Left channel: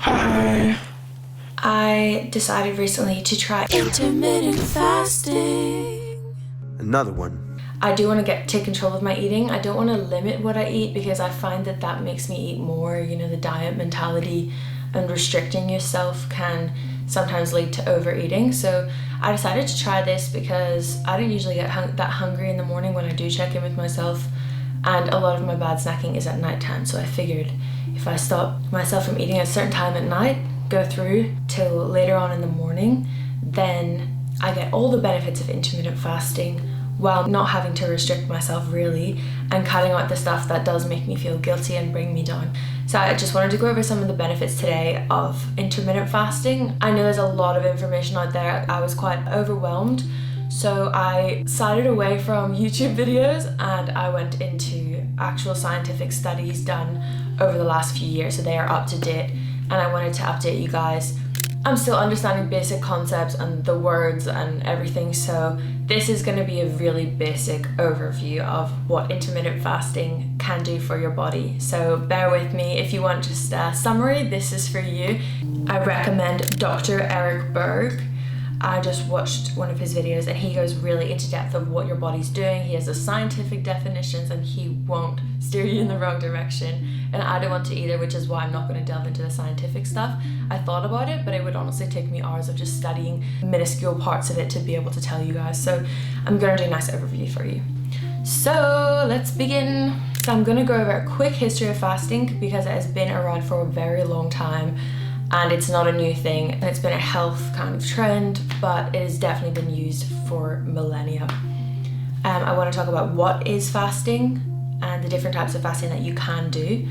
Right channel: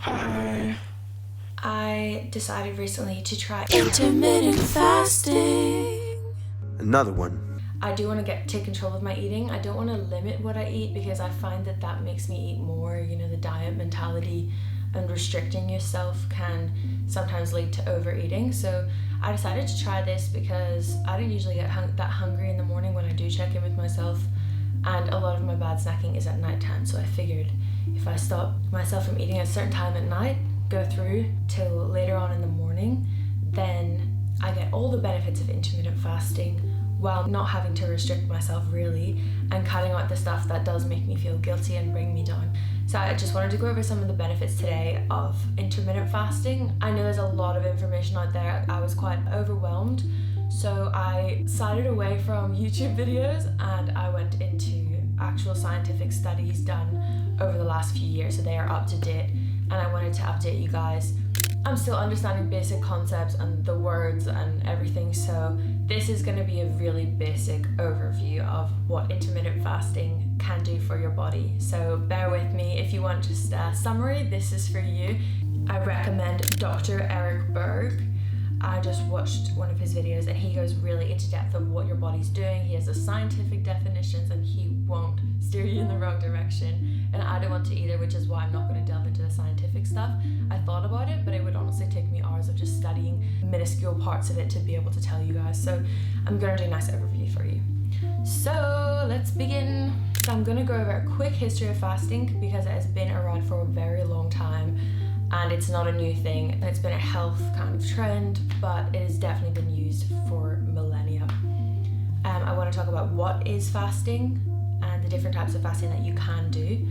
Hi. I decided recently to try intermittent fasting. Another one. I do want to take control of my eating. I don't want to limit what I eat because I find that makes me eat more. You know, the diet mentality and restricting yourself can sometimes lead to overeating. So I decided to try this because I don't usually get that hungry in the morning when I do check in with myself. And a lot of my bad snacking is at nighttime. So I figured if I stop myself from eating at a certain time at night, go through till later on in the morning, then I get all the benefits of intermittent fasting while not having to restrict myself really, and cutting out the stuff that does make me feel guilty and bring me down. So I just wanted to go over some of the benefits today of intermittent fasting. I know there's a lot of information out there. I was quite overwhelmed, so I sided away from YouTube videos and I went into actual scientific studies done over the last few years, so they are up to date, and I wanted to update you guys. I'm still understanding basic concepts and the words and everything, so this is going to be a really basic overview of what intermittent fasting can do for your body. So bear with me. If you want just a summary, this is for you. I recommend Dr. Eric Berg. I just watched one of his videos and he goes really into depth of what your body's doing. He has the scientific definitions and he won't steer you in the wrong direction. And I don't want to either, which is why I'm not going to delve into the scientific stuff. I thought about it, but it would honestly take me hours of just studying minuscule parts of it to be able to tell you guys. So I'm going to do a nice overview for you. So let's begin. So I'm going to go over a quick history of fasting because it has been around for a very long time. And it's not a new thing, and it's been a health kind of trend, but it has definitely been used for millennia. I want to talk about what is fasting and the different types of fasting that you can do,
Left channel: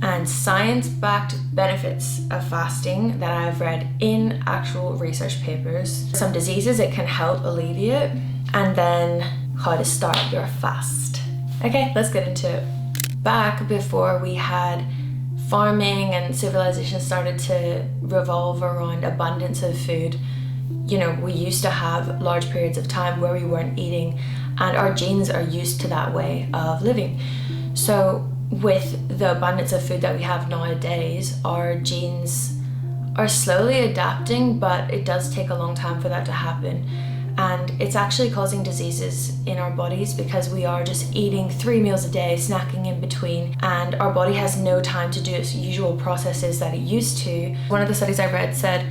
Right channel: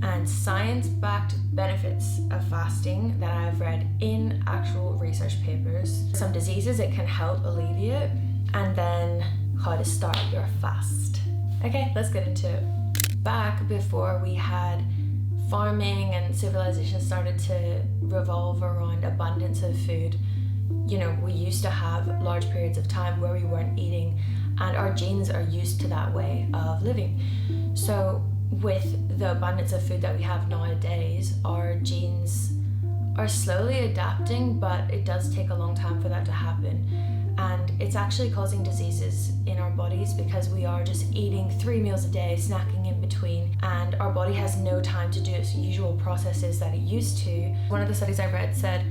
and science-backed benefits of fasting that I've read in actual research papers, some diseases it can help alleviate, and then how to start your fast. Okay, let's get into it. Back before we had farming and civilization started to revolve around abundance of food, you know, we used to have large periods of time where we weren't eating, and our genes are used to that way of living. So with the abundance of food that we have nowadays, our genes are slowly adapting, but it does take a long time for that to happen. And it's actually causing diseases in our bodies because we are just eating 3 meals a day, snacking in between, and our body has no time to do its usual processes that it used to. One of the studies I read said,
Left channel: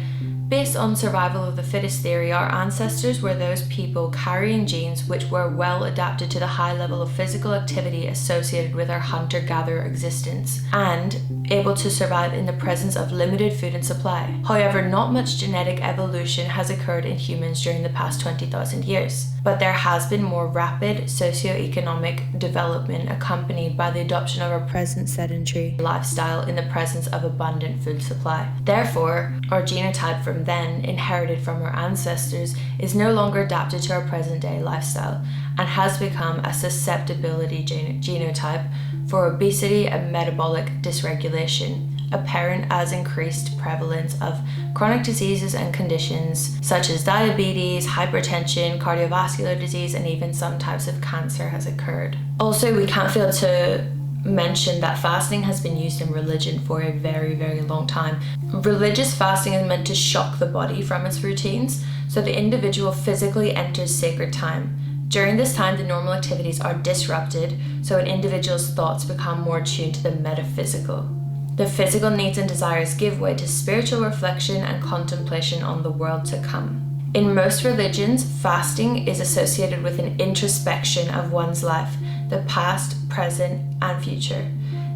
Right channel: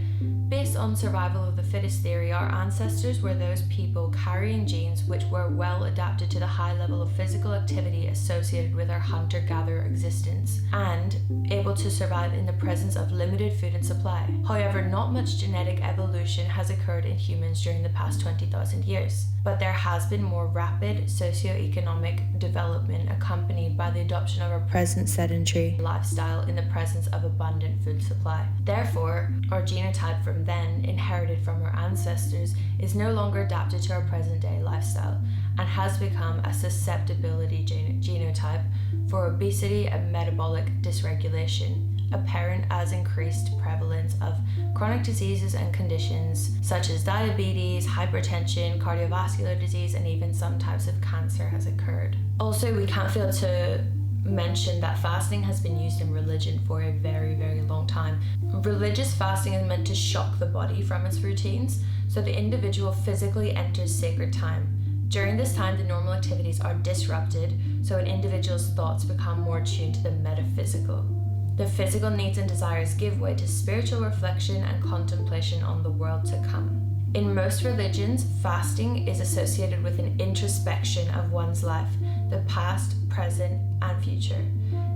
based on survival of the fittest theory, our ancestors were those people carrying genes which were well adapted to the high level of physical activity associated with our hunter-gatherer existence and able to survive in the presence of limited food and supply. However, not much genetic evolution has occurred in humans during the past 20,000 years, but there has been more rapid socioeconomic development accompanied by the adoption of our present sedentary lifestyle in the presence of abundant food supply. Therefore, our genotype from then, inherited from our ancestors, is no longer adapted to our present day lifestyle and has become a susceptibility genotype for obesity and metabolic dysregulation, apparent as increased prevalence of chronic diseases and conditions such as diabetes, hypertension, cardiovascular disease, and even some types of cancer has occurred. Also, we can't fail to mention that fasting has been used in religion for a very, very long time. Religious fasting is meant to shock the body from its routines, so the individual physically enters sacred time. During this time, the normal activities are disrupted, so an individual's thoughts become more tuned to the metaphysical. The physical needs and desires give way to spiritual reflection and contemplation on the world to come. In most religions, fasting is associated with an introspection of one's life, the past, present, and future.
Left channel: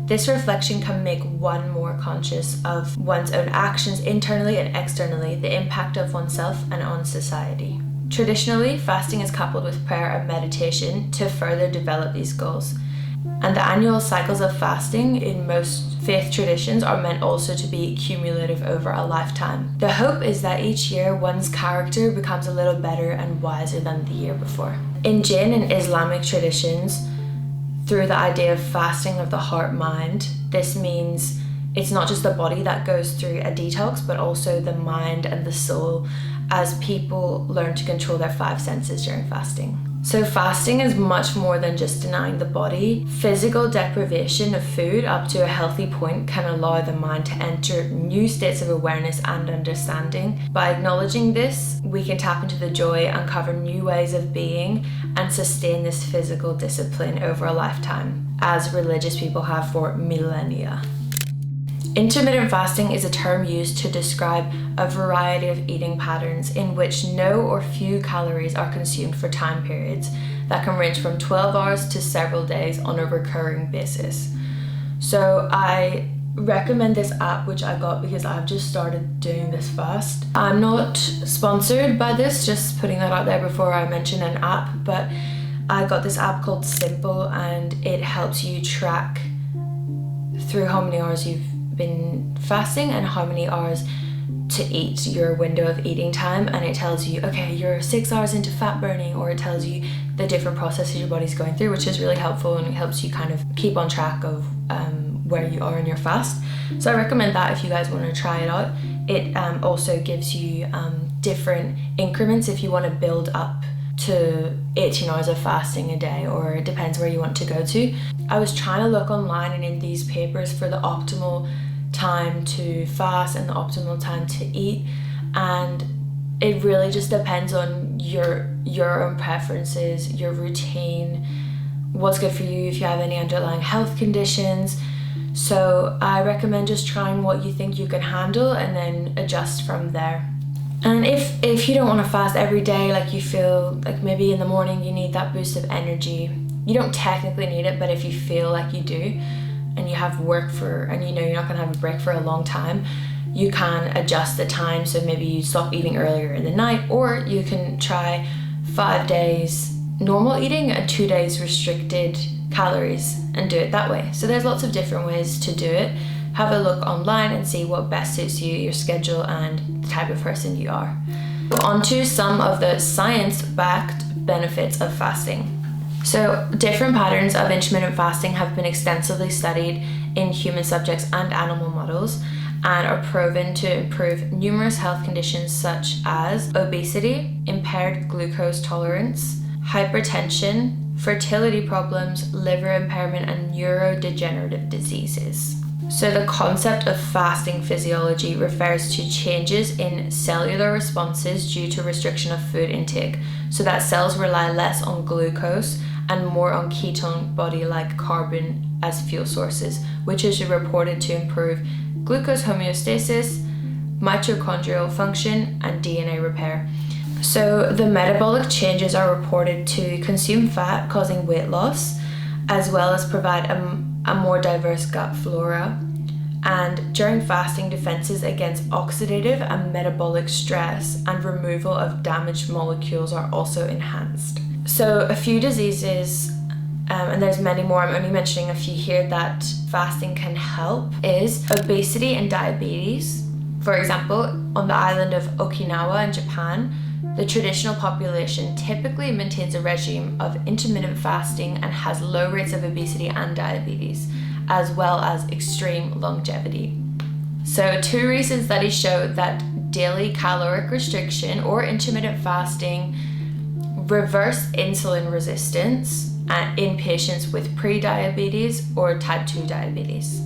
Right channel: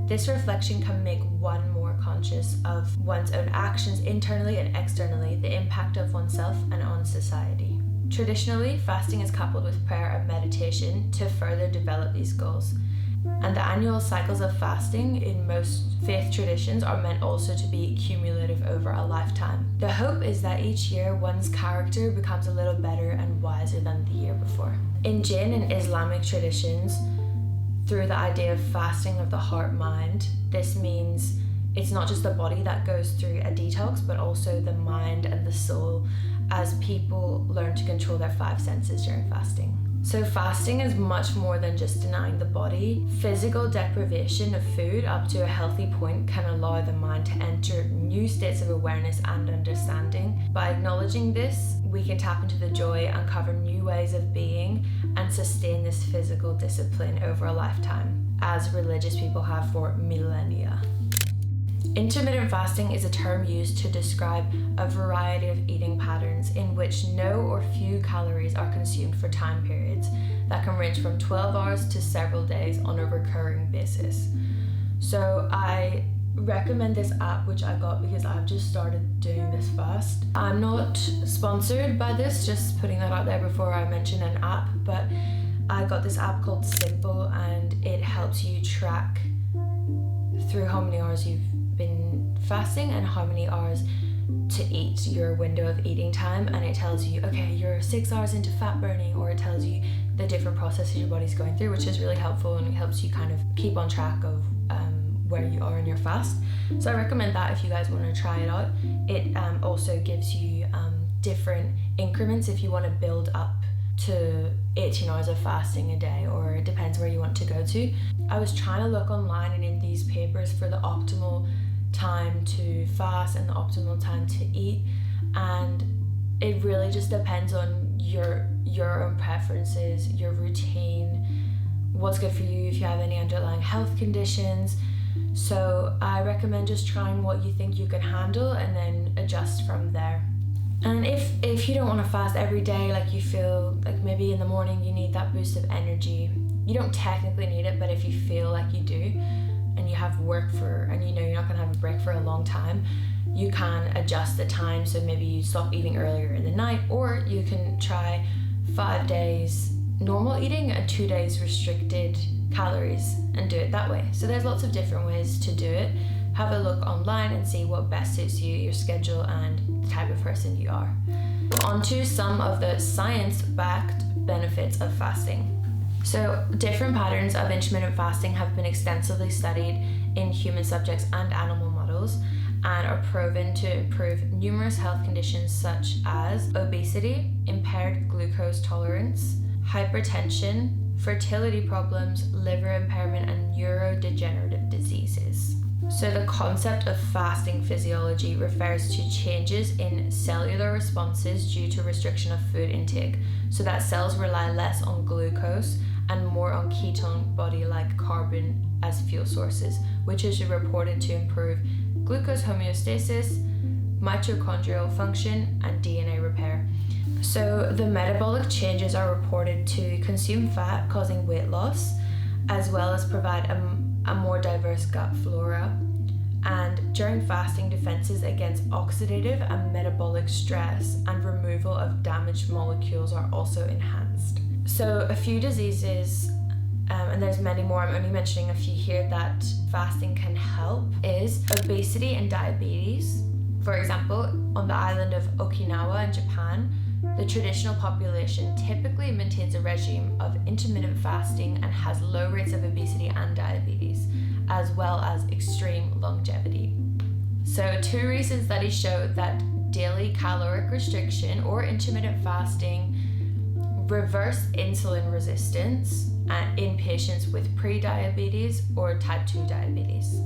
This reflection can make one more conscious of one's own actions internally and externally, the impact of oneself and on society. Traditionally, fasting is coupled with prayer and meditation to further develop these goals. And the annual cycles of fasting in most faith traditions are meant also to be cumulative over a lifetime. The hope is that each year one's character becomes a little better and wiser than the year before. In Jain and Islamic traditions, through the idea of fasting of the heart-mind, this means it's not just the body that goes through a detox, but also the mind and the soul, as people learn to control their 5 senses during fasting. So fasting is much more than just denying the body. Physical deprivation of food up to a healthy point can allow the mind to enter new states of awareness and understanding. By acknowledging this, we can tap into the joy, uncover new ways of being, and sustain this physical discipline over a lifetime, as religious people have for millennia. Intermittent fasting is a term used to describe a variety of eating patterns in which no or few calories are consumed for time periods that can range from 12 hours to several days on a recurring basis. So I recommend this app which I got because I've just started doing this fast. I'm not sponsored by this, just putting that out there before I mention an app, but I got this app called Simple, and it helps you track through how many hours you've been fasting and how many hours to eat, your window of eating time, and it tells you, okay, you're 6 hours into fat burning, or it tells you the different processes your body's going through, which is really helpful, and it helps you kind of keep on track of where you are in your fast. So I recommend that if you guys want to try it out. It also gives you different increments if you want to build up to 18 hours of fasting a day, or it depends where you want to go to. I was trying to look online and in these papers for the optimal time to fast and the optimal time to eat, and it really just depends on your own preferences, your routine, what's good for you, if you have any underlying health conditions. So I recommend just trying what you think you can handle and then adjust from there. And if you don't want to fast every day, like you feel like maybe in the morning you need that boost of energy, you don't technically need it, but if you feel like you do and you have work and you know you're not going to have a break for a long time, you can adjust the time. So maybe you stop eating earlier in the night, or you can try 5 days normal eating and 2 days restricted calories and do it that way. So there's lots of different ways to do it. Have a look online and see what best suits you, your schedule, and the type of person you are. On to some of the science-backed benefits of fasting. So different patterns of intermittent fasting have been extensively studied in human subjects and animal models, and are proven to improve numerous health conditions such as obesity, impaired glucose tolerance, hypertension, fertility problems, liver impairment, and neurodegenerative diseases. So the concept of fasting physiology refers to changes in cellular responses due to restriction of food intake, so that cells rely less on glucose and more on ketone body-like carbon as fuel sources, which is reported to improve glucose homeostasis, mitochondrial function, and DNA repair. So the metabolic changes are reported to consume fat, causing weight loss, as well as provide a more diverse gut flora. And during fasting, defenses against oxidative and metabolic stress and removal of damaged molecules are also enhanced. So a few diseases, and there's many more, I'm only mentioning a few here that fasting can help, is obesity and diabetes. For example, on the island of Okinawa in Japan, the traditional population typically maintains a regime of intermittent fasting and has low rates of obesity and diabetes, as well as extreme longevity. So 2 recent studies show that daily caloric restriction or intermittent fasting reverse insulin resistance in patients with pre-diabetes or type 2 diabetes.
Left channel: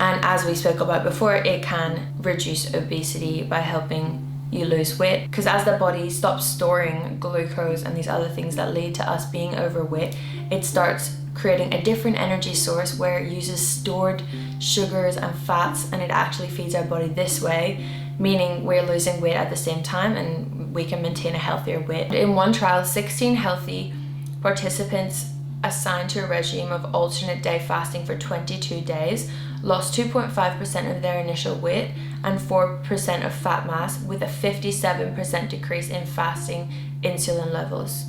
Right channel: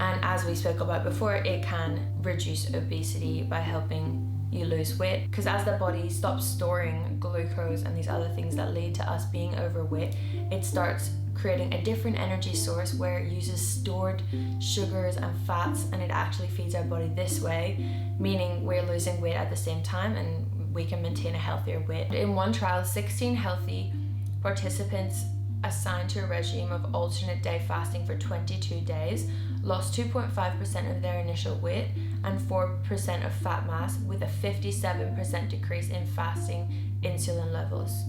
And as we spoke about before, it can reduce obesity by helping you lose weight, because as the body stops storing glucose and these other things that lead to us being overweight, it starts creating a different energy source where it uses stored sugars and fats, and it actually feeds our body this way, meaning we're losing weight at the same time and we can maintain a healthier weight. In one trial, 16 healthy participants assigned to a regime of alternate day fasting for 22 days lost 2.5% of their initial weight and 4% of fat mass, with a 57% decrease in fasting insulin levels.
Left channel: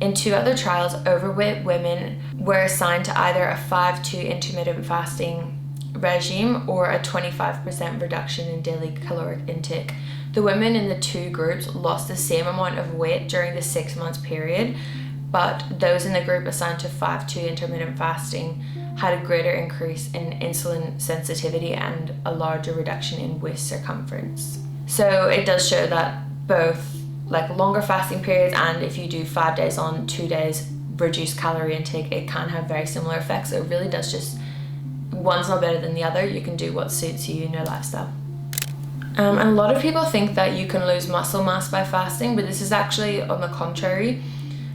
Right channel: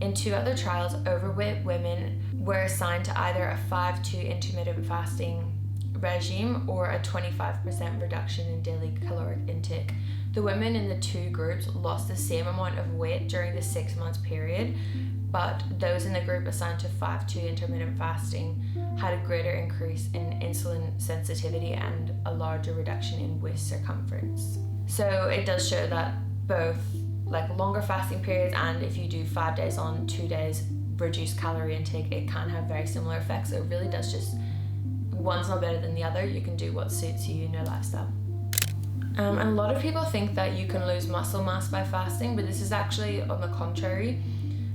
In 2 other trials, overweight women were assigned to either a 5-2 intermittent fasting regime or a 25% reduction in daily caloric intake. The women in the 2 groups lost the same amount of weight during the 6 months period, but those in the group assigned to 5-2 intermittent fasting had a greater increase in insulin sensitivity and a larger reduction in waist circumference. So it does show that both like longer fasting periods, and if you do 5 days on, 2 days reduced calorie intake, it can have very similar effects. So it really does just, one's not better than the other. You can do what suits you in your lifestyle. And a lot of people think that you can lose muscle mass by fasting, but this is actually on the contrary.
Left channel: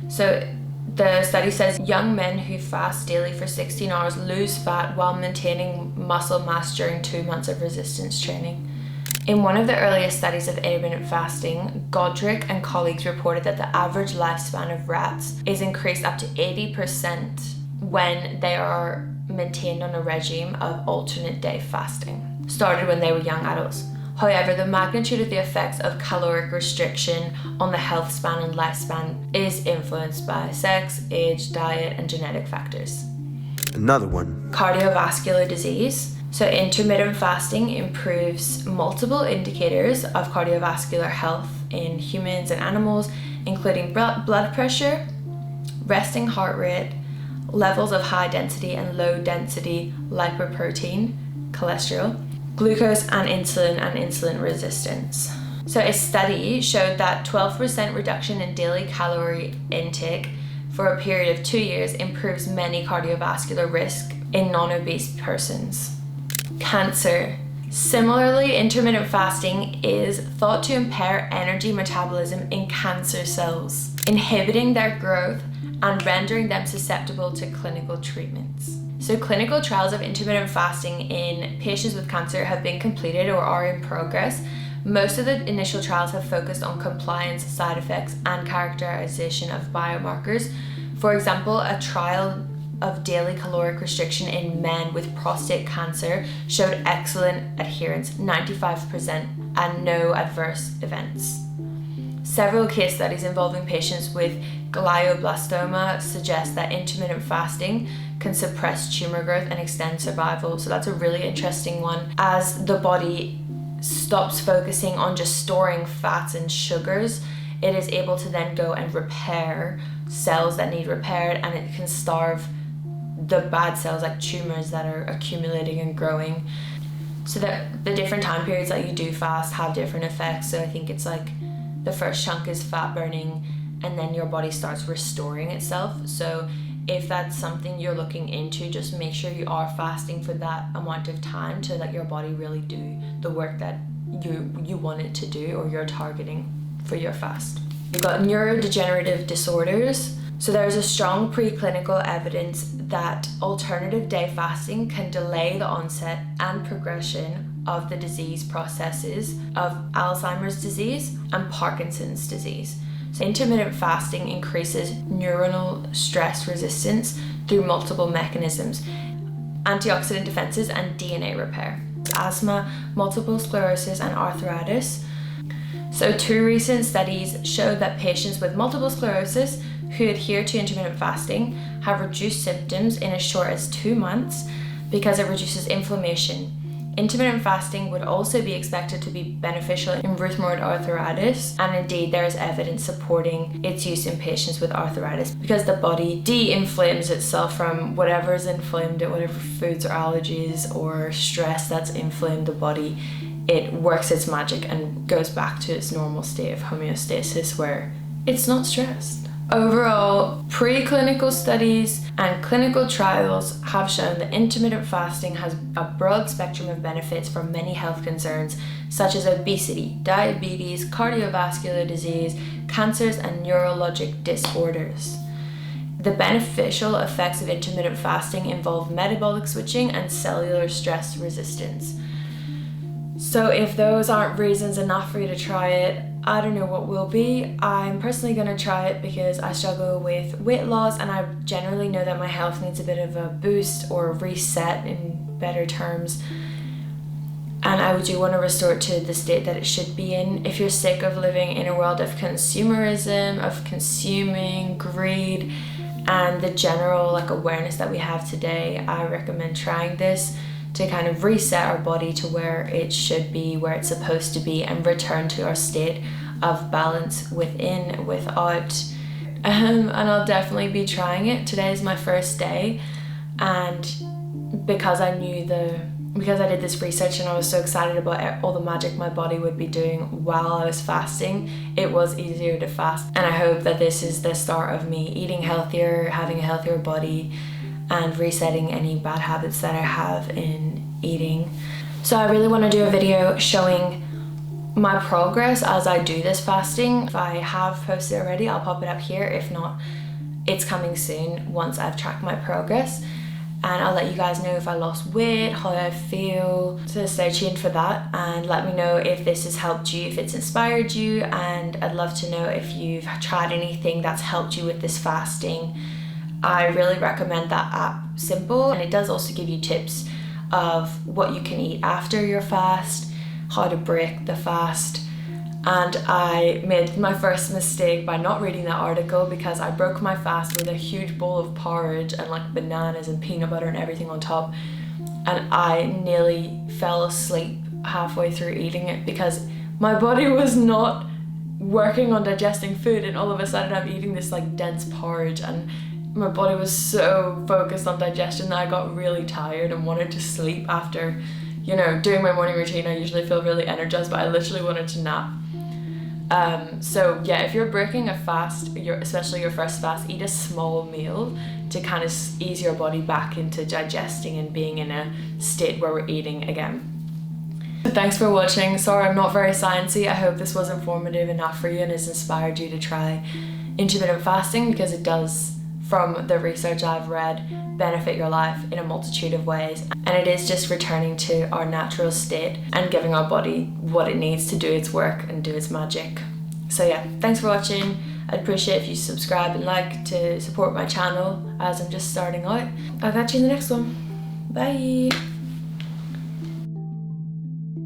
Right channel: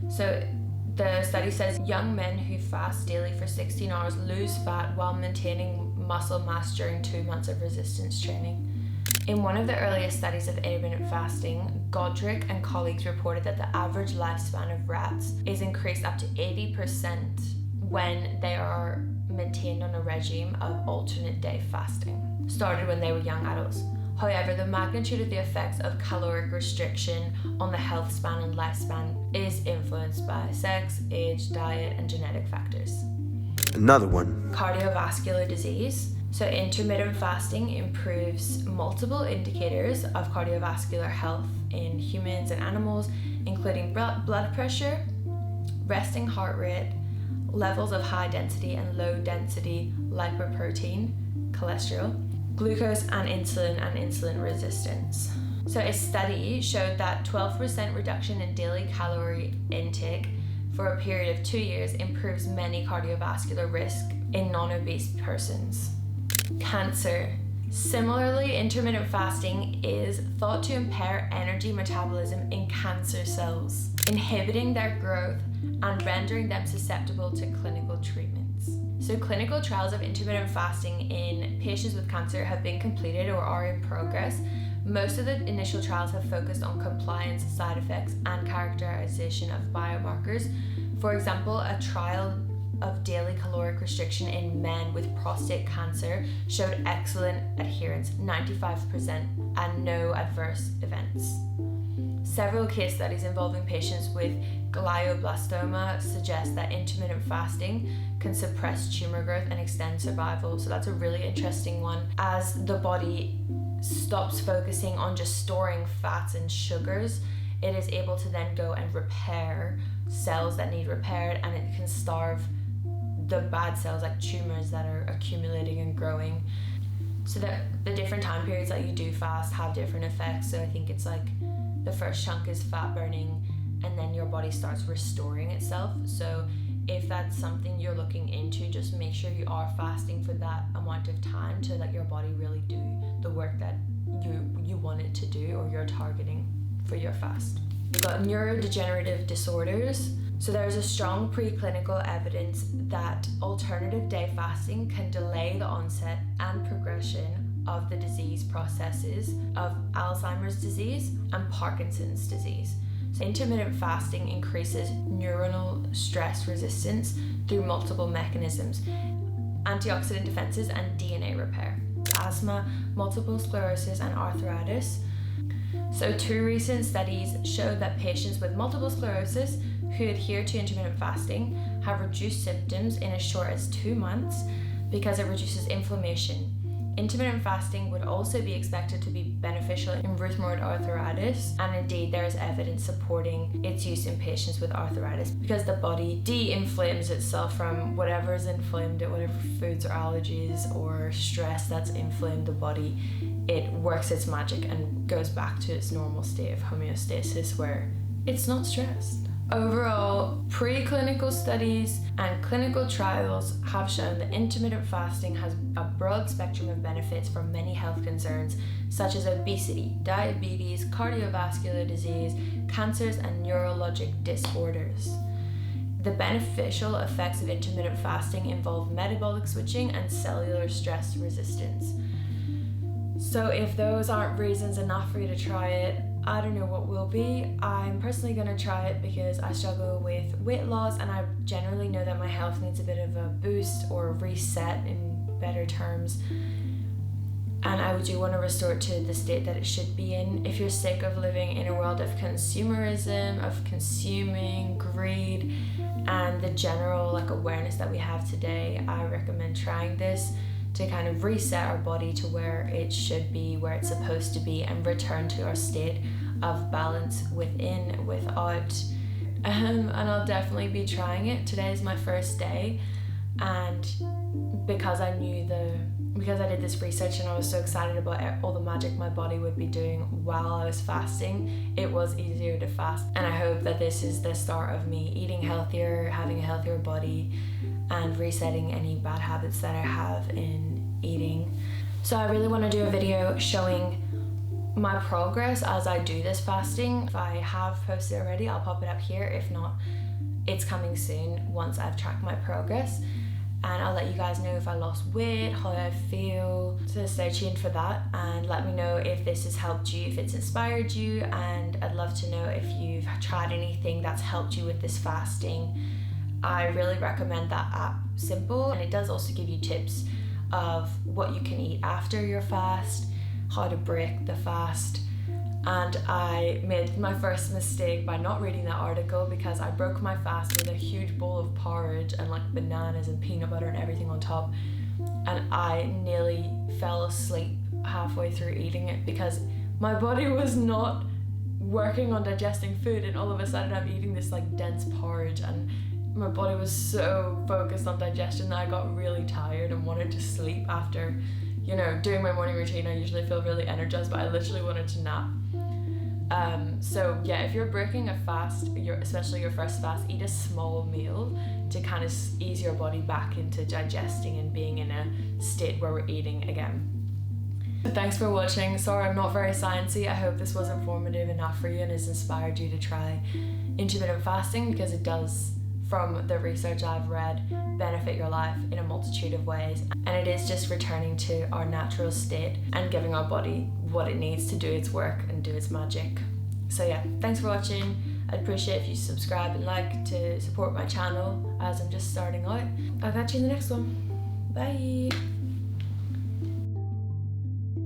So the study says young men who fast daily for 16 hours lose fat while maintaining muscle mass during 2 months of resistance training. In one of the earliest studies of intermittent fasting, Godric and colleagues reported that the average lifespan of rats is increased up to 80% when they are maintained on a regime of alternate day fasting, started when they were young adults. However, the magnitude of the effects of caloric restriction on the health span and lifespan is influenced by sex, age, diet, and genetic factors. Another one. Cardiovascular disease. So intermittent fasting improves multiple indicators of cardiovascular health in humans and animals, including blood pressure, resting heart rate, levels of high density and low density lipoprotein, cholesterol, glucose and insulin resistance. So a study showed that 12% reduction in daily calorie intake for a period of 2 years improves many cardiovascular risk in non-obese persons. Cancer. Similarly, intermittent fasting is thought to impair energy metabolism in cancer cells, inhibiting their growth and rendering them susceptible to clinical treatments. So clinical trials of intermittent fasting in patients with cancer have been completed or are in progress. Most of the initial trials have focused on compliance, side effects, and characterization of biomarkers. For example, a trial of daily caloric restriction in men with prostate cancer showed excellent adherence, 95%, and no adverse events. Several case studies involving patients with glioblastoma suggest that intermittent fasting can suppress tumor growth and extend survival. So that's a really interesting one. As the body stops focusing on just storing fats and sugars, it is able to then go and repair cells that need repaired, and it can starve the bad cells like tumors that are accumulating and growing. So that the different time periods that you do fast have different effects. So I think it's like the first chunk is fat burning, and then your body starts restoring itself. So if that's something you're looking into, just make sure you are fasting for that amount of time to let your body really do the work that you want it to do, or you're targeting for your fast. You've got neurodegenerative disorders. So there's a strong preclinical evidence that alternative day fasting can delay the onset and progression of the disease processes of Alzheimer's disease and Parkinson's disease. So intermittent fasting increases neuronal stress resistance through multiple mechanisms, antioxidant defenses and DNA repair, asthma, multiple sclerosis, and arthritis. So 2 recent studies showed that patients with multiple sclerosis who adhere to intermittent fasting have reduced symptoms in as short as 2 months because it reduces inflammation. Intermittent fasting would also be expected to be beneficial in rheumatoid arthritis, and indeed there is evidence supporting its use in patients with arthritis because the body de-inflames itself from whatever is inflamed, whatever foods or allergies or stress that's inflamed the body. It works its magic and goes back to its normal state of homeostasis where it's not stressed. Overall, preclinical studies and clinical trials have shown that intermittent fasting has a broad spectrum of benefits for many health concerns such as obesity, diabetes, cardiovascular disease, cancers, and neurologic disorders. The beneficial effects of intermittent fasting involve metabolic switching and cellular stress resistance. So if those aren't reasons enough for you to try it, I don't know what will be. I'm personally going to try it because I struggle with weight loss, and I generally know that my health needs a bit of a boost or a reset in better terms. And I do want to restore it to the state that it should be in. If you're sick of living in a world of consumerism, of consuming, greed, and the general awareness that we have today, I recommend trying this to kind of reset our body to where it should be, where it's supposed to be, and return to our state of balance within, without. And I'll definitely be trying it. Today is my first day, and because I knew the because I did this research and I was so excited about all the magic my body would be doing while I was fasting, it was easier to fast. And I hope that this is the start of me eating healthier, having a healthier body, and resetting any bad habits that I have in eating. So I really want to do a video showing my progress as I do this fasting. If I have posted already, I'll pop it up here. If not, it's coming soon once I've tracked my progress. And I'll let you guys know if I lost weight, how I feel. So stay tuned for that and let me know if this has helped you, if it's inspired you, and I'd love to know if you've tried anything that's helped you with this fasting. I really recommend that app, Simple, and it does also give you tips of what you can eat after your fast, how to break the fast. And I made my first mistake by not reading that article because I broke my fast with a huge bowl of porridge and like bananas and peanut butter and everything on top, and I nearly fell asleep halfway through eating it because my body was not working on digesting food, and all of a sudden I'm eating this like dense porridge and my body was so focused on digestion that I got really tired and wanted to sleep after, you know, doing my morning routine. I usually feel really energized, but I literally wanted to nap. So yeah, if you're breaking a fast, especially your first fast, eat a small meal to kind of ease your body back into digesting and being in a state where we're eating again. Thanks for watching. Sorry I'm not very sciencey. I hope this was informative enough for you and has inspired you to try intermittent fasting, because it does, from the research I've read, benefit your life in a multitude of ways. And it is just returning to our natural state and giving our body what it needs to do its work and do its magic. So yeah, thanks for watching. I'd appreciate if you subscribe and like to support my channel as I'm just starting out. I'll catch you in the next one. Bye.